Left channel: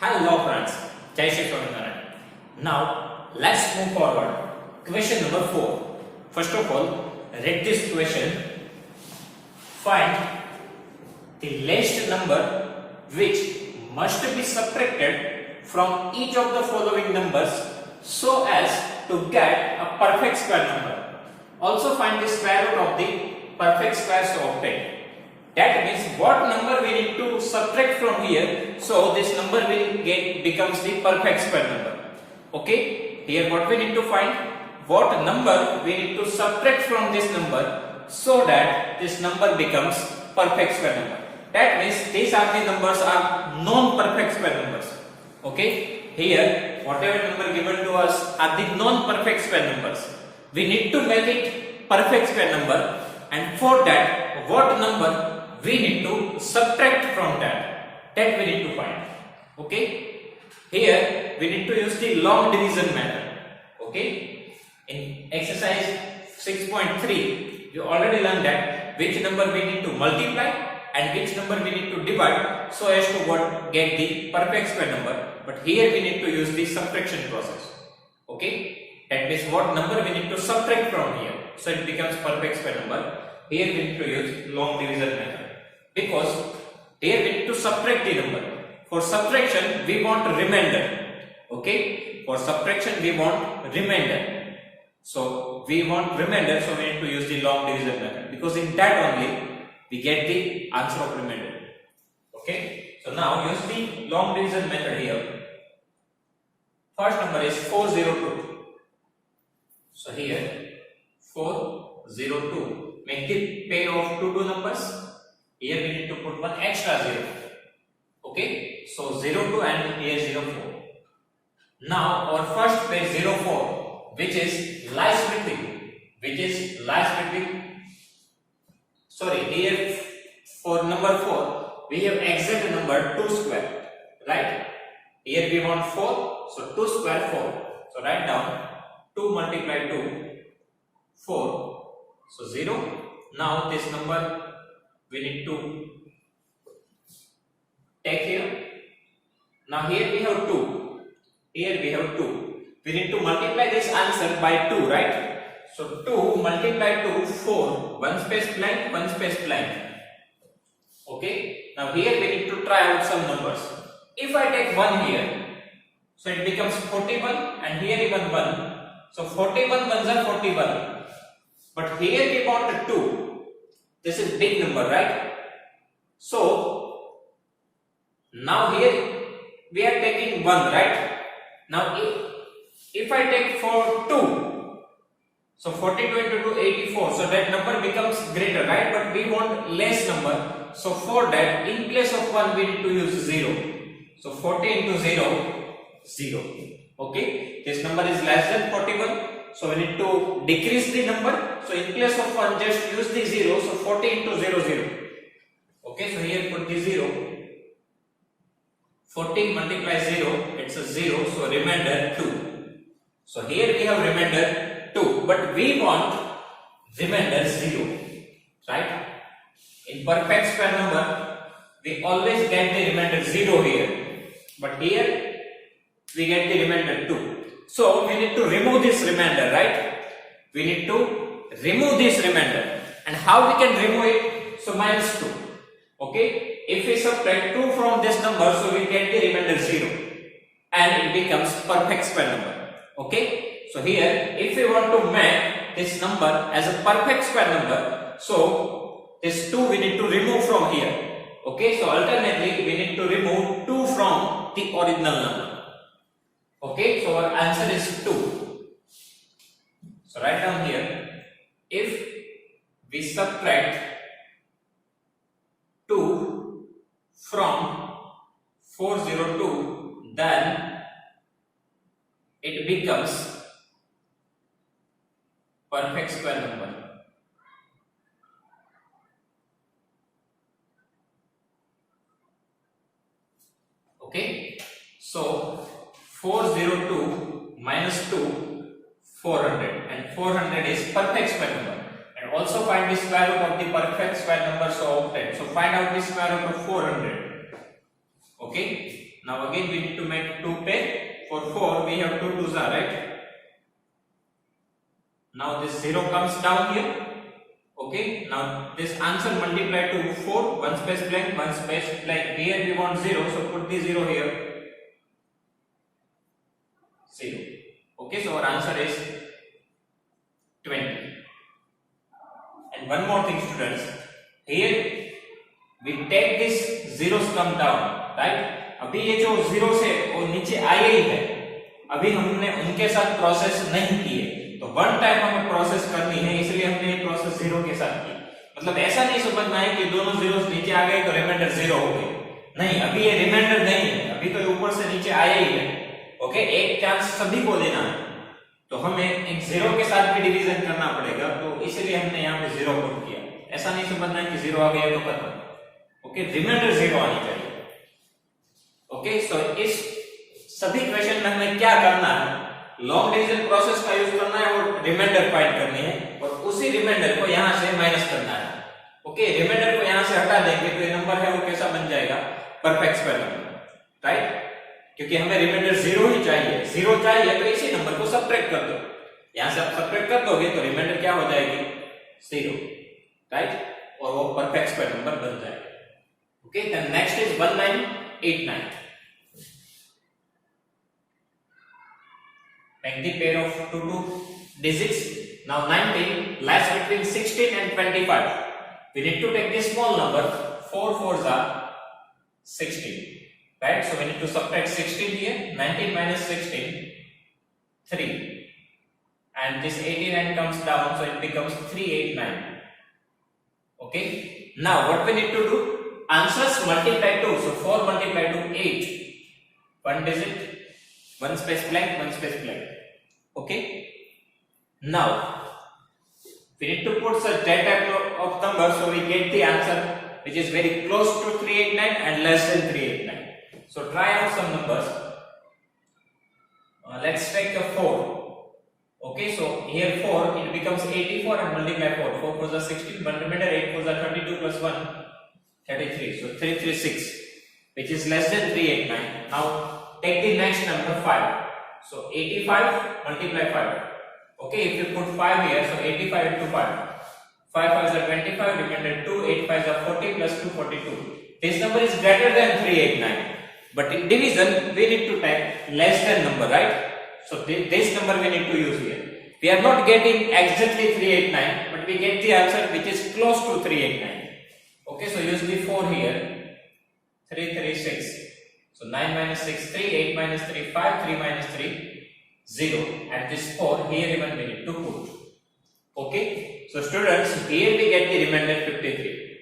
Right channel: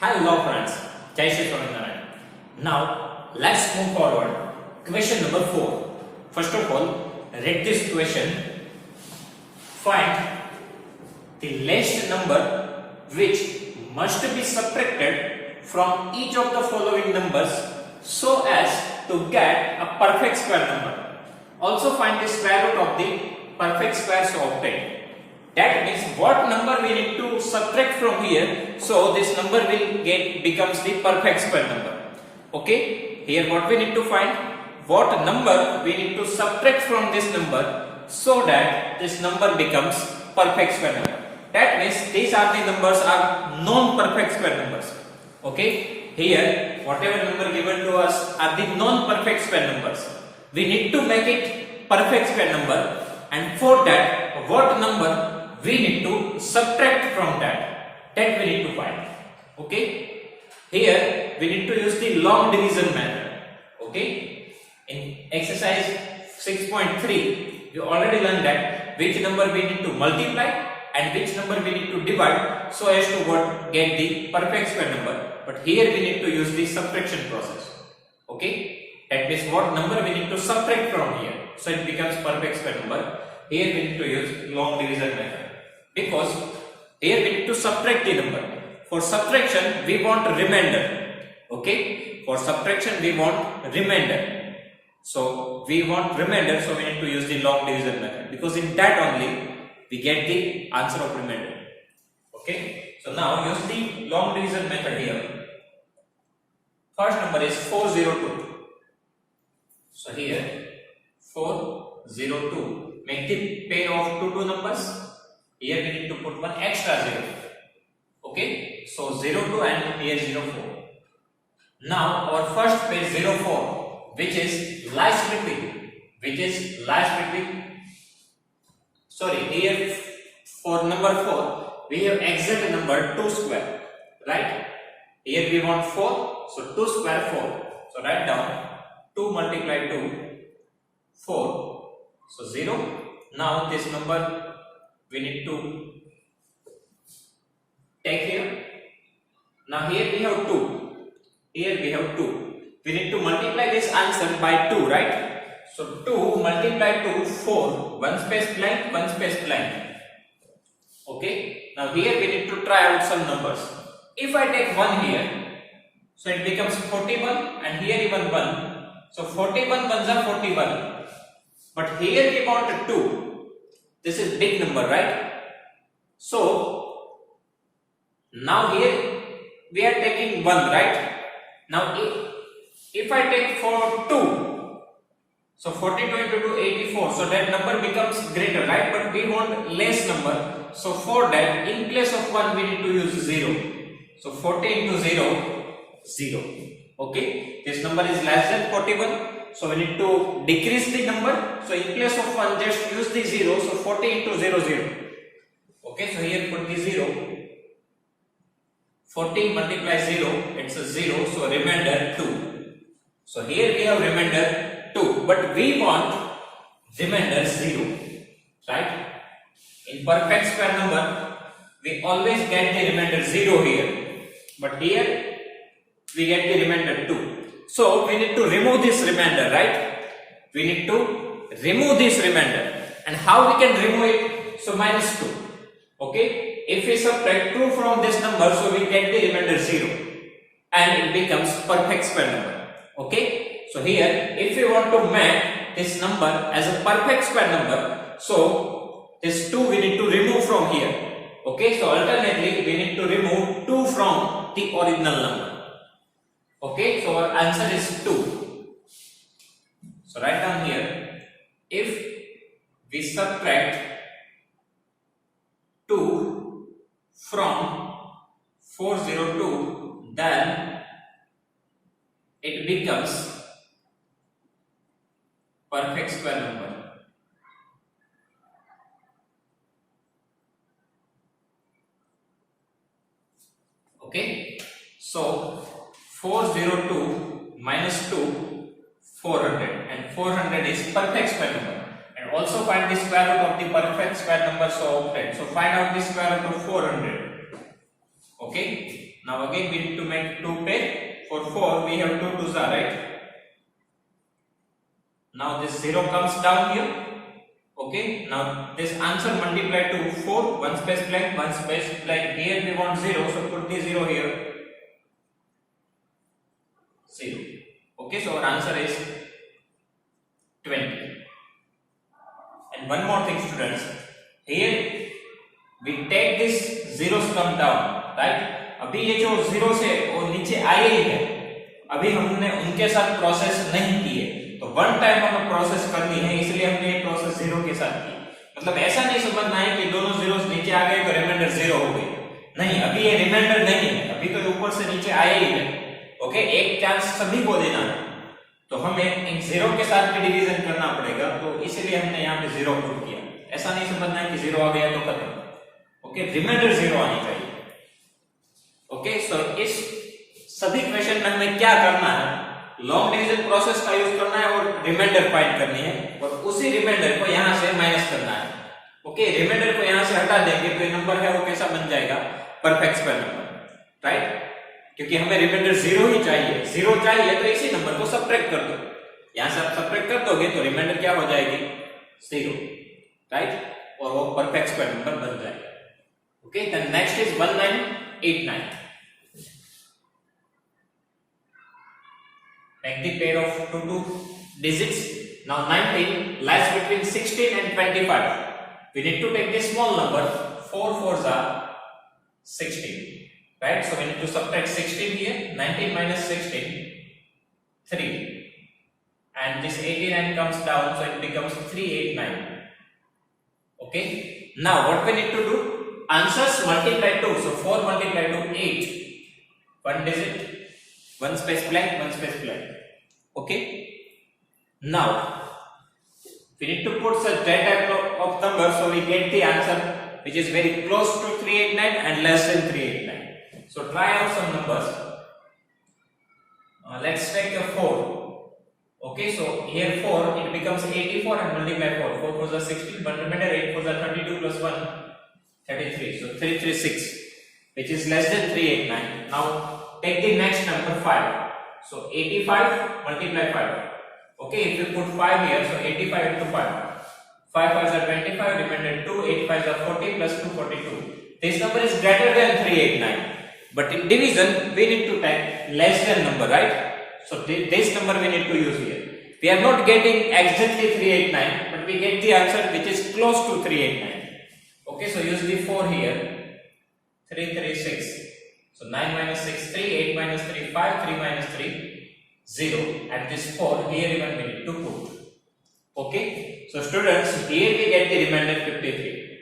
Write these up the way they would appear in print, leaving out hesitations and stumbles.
Hello friends, Jai Shri Swaminarayan. Now let's move forward. Question number 4. First of all, read this question. Find the least number which must be subtracted from each of the following numbers so as to get a perfect square number. Also find the square root of the perfect square so obtained. That means what number we need to subtract from here, so this number will becomes the perfect square number. Okay, here what we need to find, what number we need to subtract from this number so that this number becomes perfect square number. That means these are the numbers are non-perfect square numbers. Okay, here whatever number given to us are the non-perfect square numbers. We need to make it perfect square number, and for that what number we need to subtract from that we need to find. Okay, here we need to use the long division method. Okay, in exercise 6.3 you already learned that which number we need to multiply and which number we need to divide so as to get the perfect square number, but here we need to use the subtraction process. Okay, that means what number we need to subtract from here so it becomes perfect square number. Here we need to use long division method, because here we need to subtract the number. For subtraction we want remainder. Okay, for subtraction we want remainder. So we want remainder, so we need to use the long division method, because in that only we get the answer of remainder. Okay, so now use the long division method here. First number is 402. So here 402. Make the pair of two numbers. Here we need to put one extra 0. Okay, so 02 and here 04. Now our first pair 04, which is last between. Sorry, here for number 4 we have exact number 2 square, right? Here we want 4, so 2 square 4. So write down 2 multiply 2, 4. So 0. Now this number we need to take here. Now here we have 2. Here we have 2. We need to multiply this answer by 2, right? So 2 multiply 2, 4. One space blank, one space blank. Okay. Now here we need to try out some numbers. If I take 1 here, so it becomes 41, and here even 1. So 41 ones are 41. But here we want 2. This is big number, right? So now here we are taking 1, right? Now if I take for 2, so 42 into 2, 84, so that number becomes greater, right? But we want less number, so for that in place of 1 we need to use 0. So 40 into 0, 0. Okay, this number is less than 41. So we need to decrease the number. So in place of 1, just use the 0. So 40 into 0, 0. Okay, so here put the 0. 40 multiply 0, it's a 0. So remainder 2. So here we have remainder 2. But we want remainder 0. Right? In perfect square number, we always get the remainder 0 here. But here, we get the remainder 2. So we need to remove this remainder, right? We need to remove this remainder. And how we can remove it? So minus 2. Okay? If we subtract 2 from this number, so we get the remainder 0. And it becomes perfect square number. Okay? So here, if we want to make this number as a perfect square number, so this 2 we need to remove from here. Okay? So alternately, we need to remove 2 from the original number. Okay, so our answer is 2. So write down here, if we subtract 2 from 402, then it becomes perfect square number. Okay, so 402 minus 2, 400, and 400 is perfect square number. And also find the square root of the perfect square number so obtained. So find out the square root of 400. Okay. Now again we need to make 2 pair. For 4 we have 2 twos are right. Now this 0 comes down here. Okay, now this answer multiplied to 4, 1 space blank, 1 space blank. Here we want 0, so put the 0 here. 0. Okay, so our answer is 20. And one more thing, students. Here we take this zeros come down, right? अभी ये जो zero से वो नीचे आए ही है, अभी हमने उनके साथ प्रोसेस नहीं किए, तो वन टाइम हमें प्रोसेस करनी है, इसलिए हमने ये प्रोसेस जीरो के साथ की। मतलब ऐसा नहीं समझना है कि दोनों जीरोस नीचे आ गए तो रिमाइंडर जीरो हो गए, नहीं, अभी ये रिमाइंडर नहीं है, अभी तो ऊपर से नीचे आया ही है। ओके, एक चांस सभी को देना है, तो हमें एक जीरो के साथ भी डिवीजन करना पड़ेगा, तो इसलिए हमने यहाँ पे जीरो पुट किया। ऐसा नहीं समझना है कि जीरो आ गया तो खत्म। ओके, रिमाइंडर जीरो आनी चाहिए। ओके, तो इस सभी क्वेश्चन में हमें क्या करना है, लॉन्ग डिवीजन प्रोसेस का यूज करना है और रिमाइंडर फाइंड करनी है, और उसी रिमाइंडर को यहां से माइनस करना है। ओके, रिमाइंडर को यहां से हटा देंगे तो ये नंबर है वो कैसा बन जाएगा, परफेक्ट स्क्वायर नंबर, राइट? क्योंकि हमें रिमाइंडर जीरो ही चाहिए, जीरो चाहिए तो इसी नंबर को सब्ट्रैक्ट कर दो, यहां से आप सब्ट्रैक्ट कर दोगे तो रिमाइंडर क्या हो जाएगी, जीरो, राइट? और वो परफेक्ट स्क्वायर नंबर बन जाएगा। Okay, then next is 1989. Make the pair of two digits. Now 19 lies between 16 and 25. We need to take the small number. 4 4s are 16. Right? So we need to subtract 16 here. 19 minus 16, 3. And this 89 comes down, so it becomes 389. Okay? Now what we need to do? Answers multiply 2. So 4 multiplied to 8. One digit. One space blank, one space blank. Okay. Now we need to put such data of numbers so we get the answer which is very close to 389 and less than 389. So try out some numbers. Let's take a 4. Okay, so here 4 it becomes 84 and multiply 4. 4 4s are 16, but remember 8 4s are 22 plus 1 33. So 336, which is less than 389. Now take the next number 5. So 85 multiply 5. Okay, if you put 5 here, so 85 into 5. 5 5s are 25, remainder 2, 8 5s are 40 plus 2 42. This number is greater than 389. But in division, we need to type less than number, right? So this number we need to use here. We are not getting exactly 389, but we get the answer which is close to 389. Okay, so use the 4 here. 336. So 9 minus 6, 3, 8 minus 3, 5, 3 minus 3, 0. And this 4, here even we need to put. Okay. So students, here we get the remainder 53.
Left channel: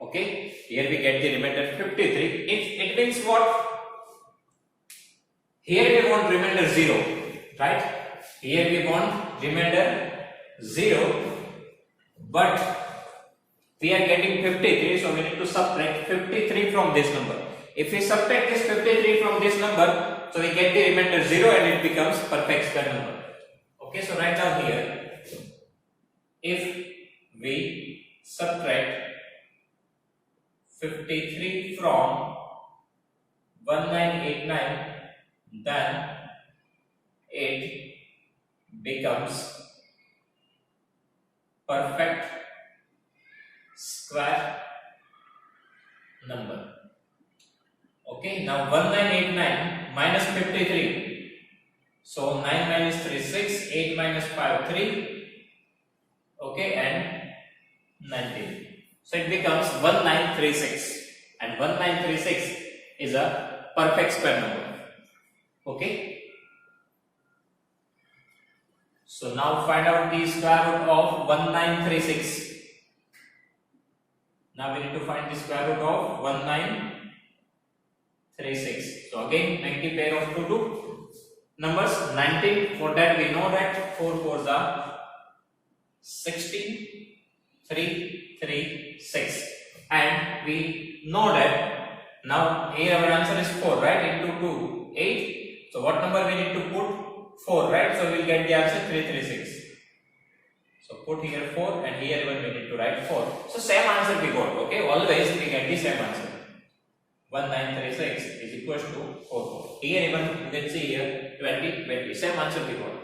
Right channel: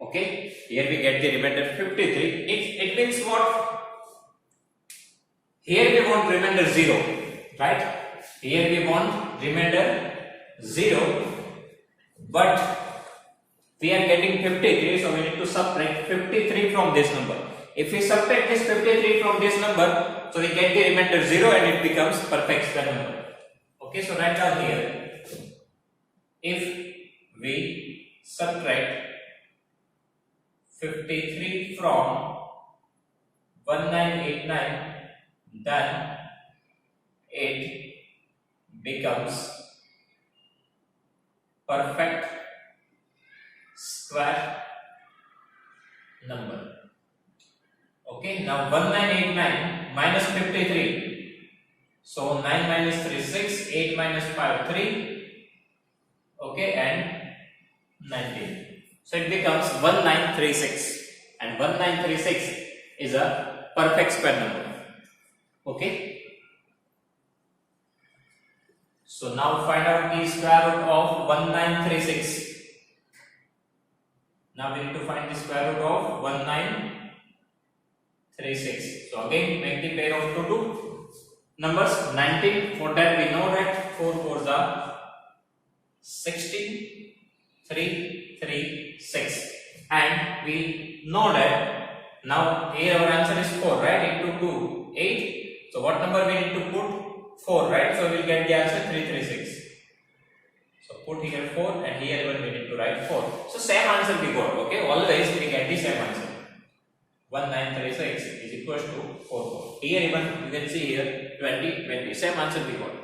Okay. Here we get the remainder 53. It means what? Here we want remainder 0. Right? Here we want remainder 0. But we are getting 53. So we need to subtract 53 from this number. If we subtract this 53 from this number, so we get the remainder 0 and it becomes perfect square number. Okay, so write down here. If we subtract 53 from 1989, then it becomes perfect square number. Okay, now 1989 minus 53. So 9 minus 3 6, 8 minus 5 3. Okay, and 19. So it becomes 1936, and 1936 is a perfect square number. Okay. So now find out the square root of 1936. Now we need to find the square root of 1936. So again, make the pair of two numbers. 19, for that we know that 4 4s are 16, 3 3 6, and we know that now here our answer is 4, right? Into 2 8. So what number we need to put? 4, right? So we will get the answer 336. So put here 4 and here even we need to write 4. So same answer we got. Okay, always we get the same answer. 1936 is equals to 44. Here even you can see here 20, 20. Same answer we got.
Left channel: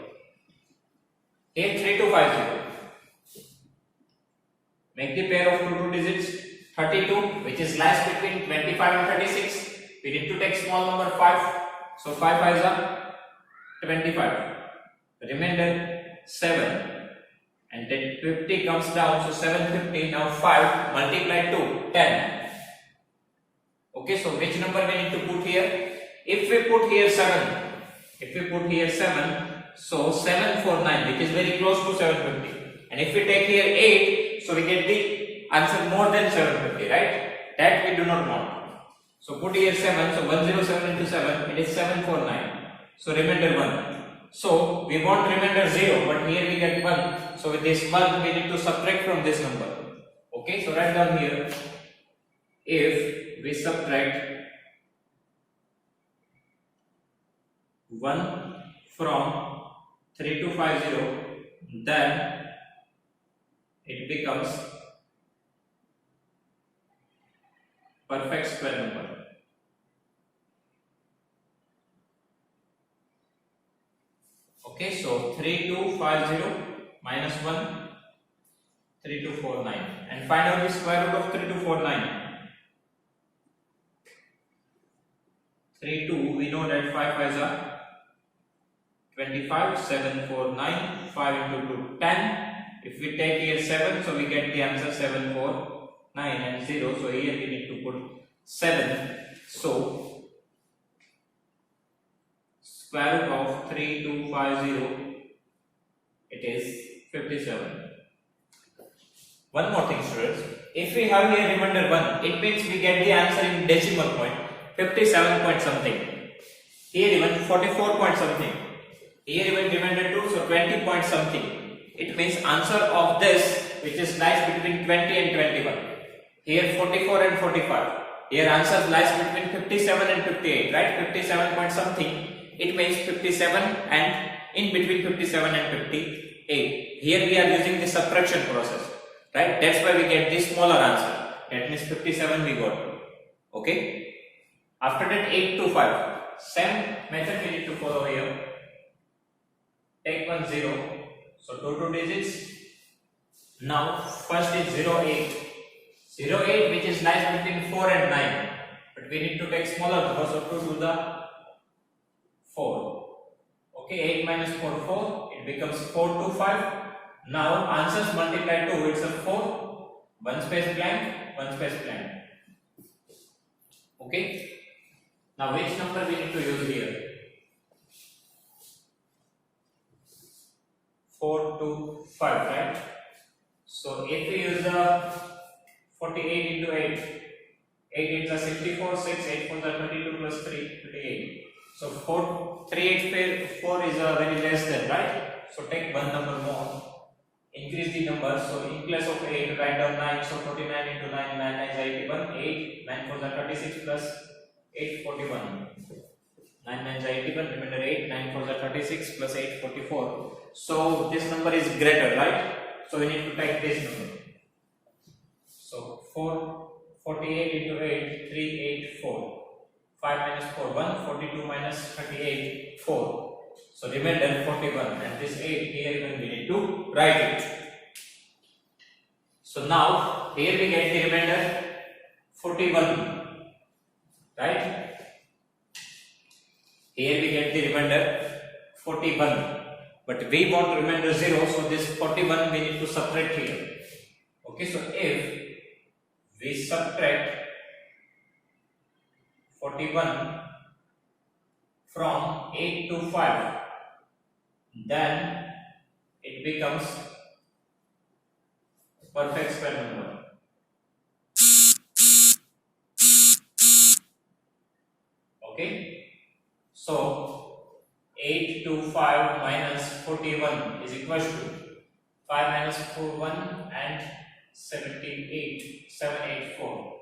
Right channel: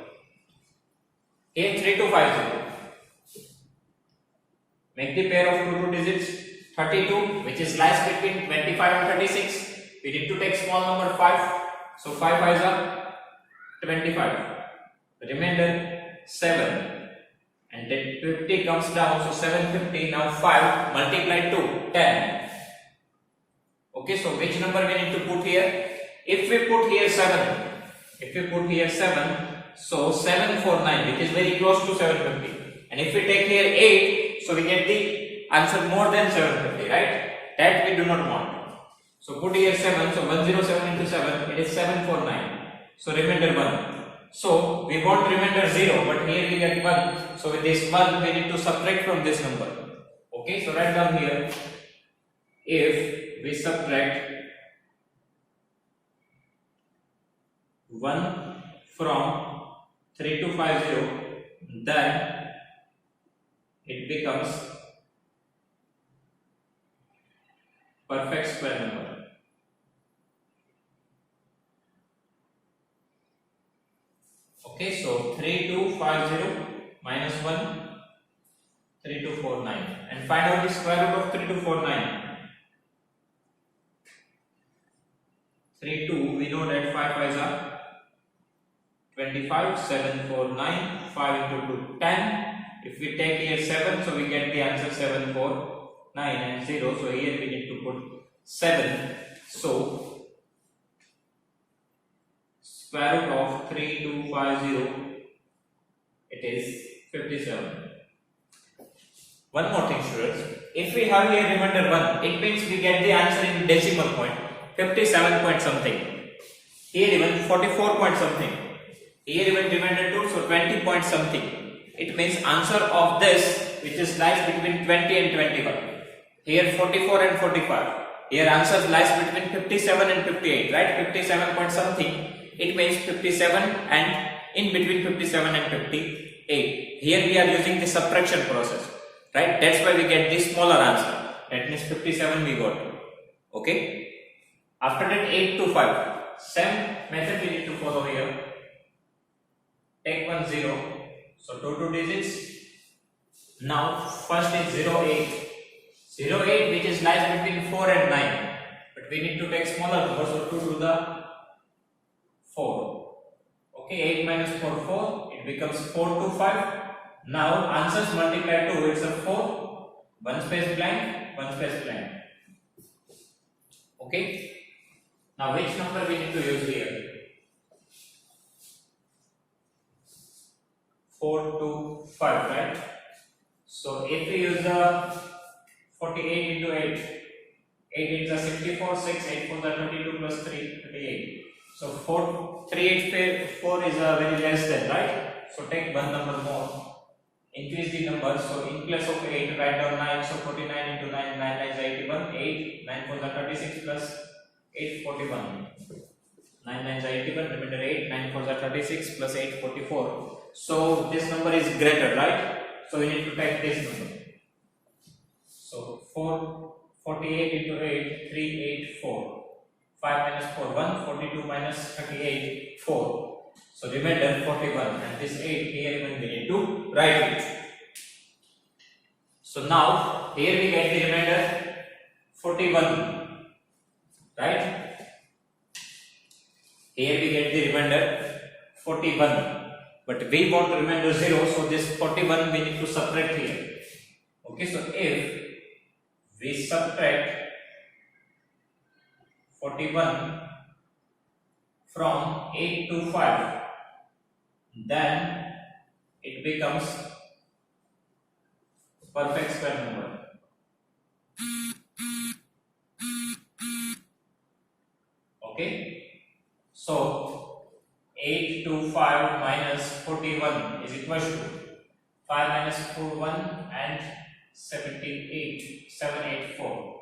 Here 3250. Make the pair of two digits 32, which is lies between 25 and 36. We need to take small number 5. So 5 5s are 25. Remainder 7. And then 50 comes down, so 750. Now 5 multiplied to 10. Okay, so which number we need to put here? If we put here 7, so 749, which is very close to 750. And if we take here 8, so we get the answer more than 750, right? That we do not want. So put here 7, so 107 into 7, it is 749. So remainder 1. So we want remainder 0, but here we get 1. So with this 1, we need to subtract from this number. Okay, so write down here. If we subtract 1 from 3250, then it becomes perfect square number. Okay, so 3250 minus 1, 3249, and find out the square root of 3249. 32, we know that 5 5s are 25, 749, 5 into 2, 10. If we take here 7, so we get the answer 749 and 0. So here we need to put 7. So square root of 3250, it is 57. One more thing, students. If we have here remainder 1, it means we get the answer in decimal point, 57 point something. Here even 44 point something. Here even remainder 2, so 20 point something. It means answer of this, which is lies between 20 and 21. Here 44 and 45. Here answer lies between 57 and 58, right? 57 point something. It means 57 and in between 57 and 58. Here we are using the subtraction process, right? That's why we get the smaller answer. That means 57 we got. Okay. After that 8 to 5. Same method we need to follow here. Take 1 0. So two digits. Now first is 08. 08 which is lies between 4 and 9. But we need to take smaller number, so 2 to the 4. Okay, 8 minus 4, 4. It becomes 4 to 5. Now answers multiply 2, it's a 4. 1 space blank, 1 space blank. Okay. Now which number we need to use here? 4 to 5, right? So if we use the 48 into 8, 8 is 64, 6, 8 4 32 plus 3, 38. So 4 is a very less than, right? So take one number more. Increase the number. So in place of 8, write down 9. So 49 into 9, 9 9 is 81. 8, 9 4 36 plus 8 41. 9 9 is 81. Remember 8, 9 4 36 plus 8 44. So this number is greater, right? So we need to take this number. So 48 into 8, 384. 5 minus 4, 1, 42 minus 38, 4. So remainder 41, and this 8 here even we need to write it. So now here we get the remainder 41, right? Here we get the remainder 41, but we want remainder 0, so this 41 we need to subtract here. Okay, so if we subtract 41 from 8 to 5, then it becomes perfect square number. Okay, so 8 to 5 minus 41 is equal to 5 minus 4 1 and 78 784.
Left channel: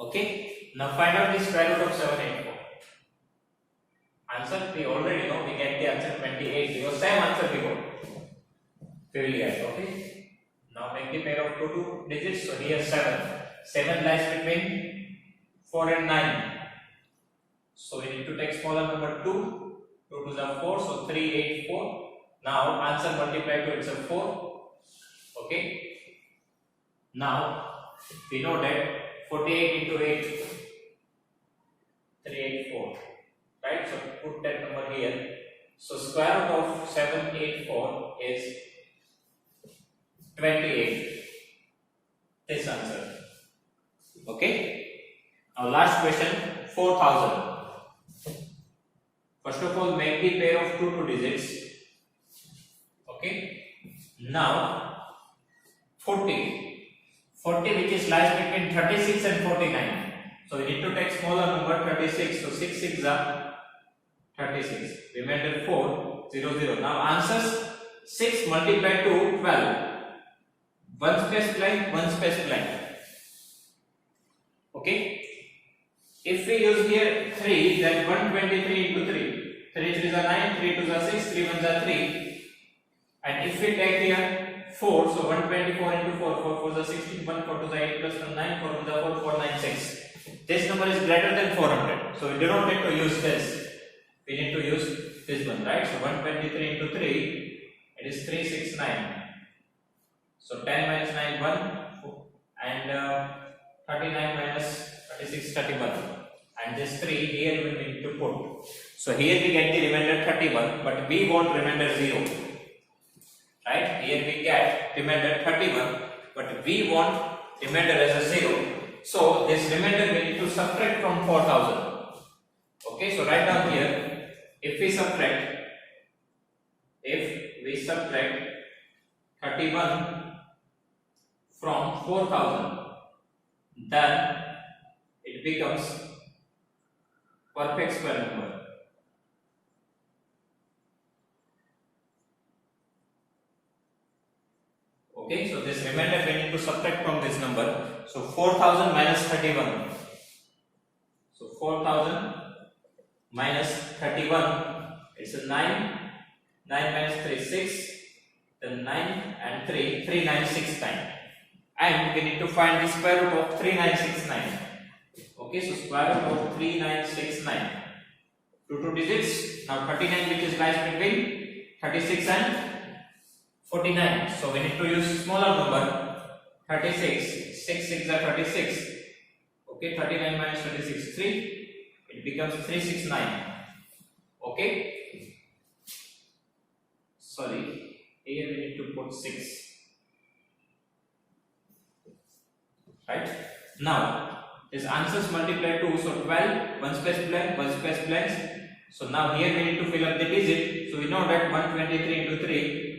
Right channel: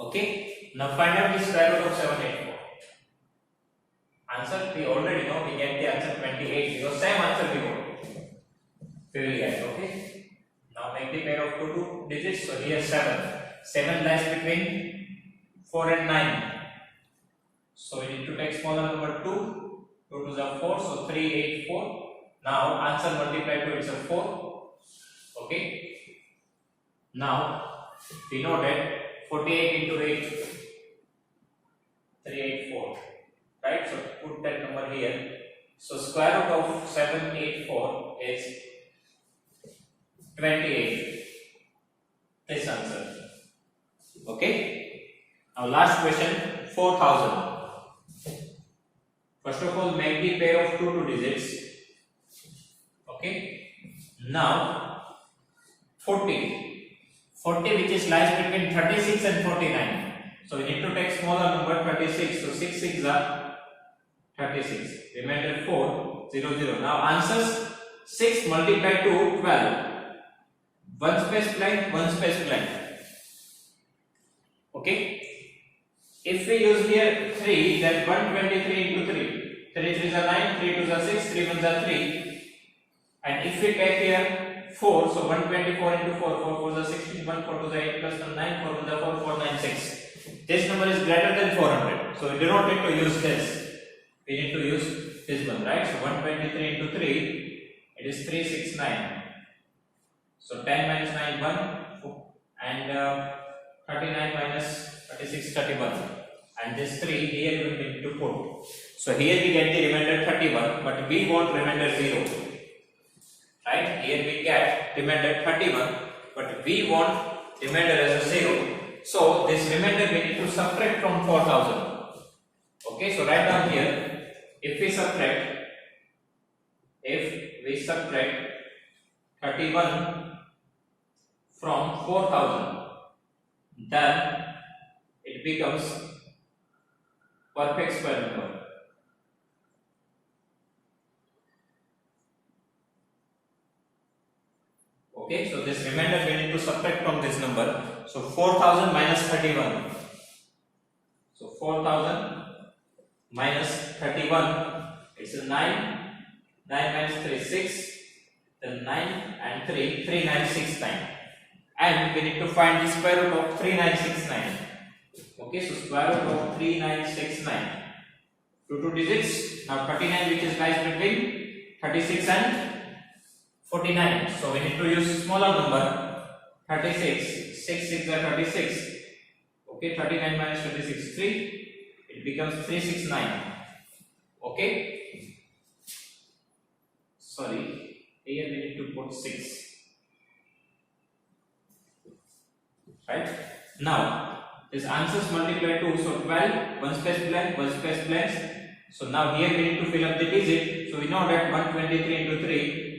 Okay, now find out the square root of 784. Answer we already know, we get the answer 28 because same answer we got. We will get, okay. Now make the pair of two digits. So here 7. 7 lies between 4 and 9. So we need to take smaller number 2. 2 to the 4, so 3, 8, 4. Now answer multiply to itself 4. Okay. Now we know that 48 into 8, 384. Right? So put that number here. So square root of 784 is 28. This answer. Okay. Now last question, 4000. First of all, make the pair of two digits. Okay. Now 40 which is lies between 36 and 49. So we need to take smaller number 36. So 6 6 are 36. Remainder 4 0 0. Now answers 6 multiplied to 12. One space blank, one space blank. Okay. If we use here 3, then 123 into 3. 3 3s are 9, 3 2s are 6, 3 1s are 3. And if we take here 4, so 124 into 4, 4 4s are 16, 1 4 2s are 8 plus 1 9, 4 1s are 4, 4 9 6. This number is greater than 400. So we do not need to use this. We need to use this one, right? So 123 into 3, it is 369. So 10 minus 9, 1, and 39 minus 36, 31. And this 3 here we need to put. So here we get the remainder 31, but we want remainder 0. Right? Here we get remainder 31, but we want remainder as a 0. So this remainder we need to subtract from 4000. Okay, so write down here, if we subtract 31 from 4000, then it becomes perfect square number. Okay, so this remainder we need to subtract from this number. So 4000 minus 31. So 4000 minus 31, it's a 9. 9 minus 3 6. Then 9 and 3, 3969. And we need to find the square root of 3969. Okay, so square root of 3969. Two digits. Now 39 which is lies between 36 and 49. So we need to use smaller number 36. 6 6 are 36. Okay, 39 minus 36 3. It becomes 369. Okay. Sorry, here we need to put 6. Right? Now this answers multiply 2. So 12, one space blank, one space blank. So now here we need to fill up the digit. So we know that 123 into 3.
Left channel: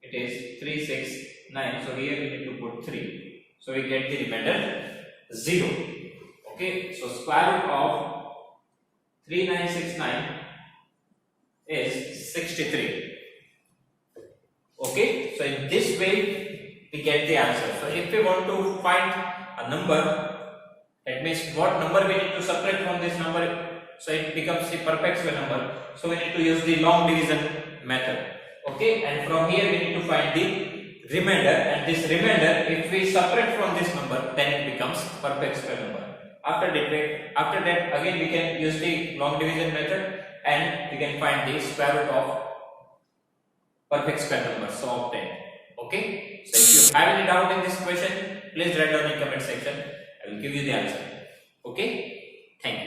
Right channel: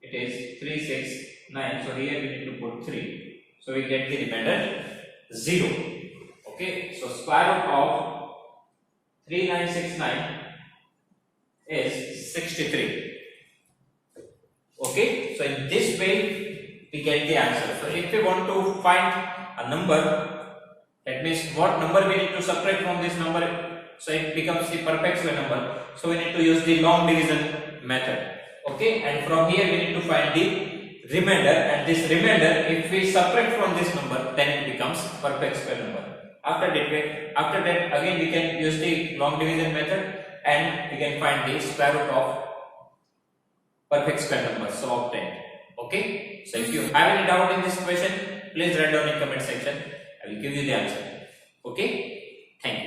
It is 369. So here we need to put 3. So we get the remainder 0. Okay. So square root of 3969 is 63. Okay. So in this way we get the answer. So if we want to find a number, that means what number we need to subtract from this number, so it becomes the perfect square number. So we need to use the long division method. Okay, and from here we need to find the remainder, and this remainder if we subtract from this number, then it becomes perfect square number. After that again we can use the long division method and we can find the square root of perfect square number, so obtained. Okay, so if you have any doubt in this question, please write down in comment section. I will give you the answer. Okay, thank you.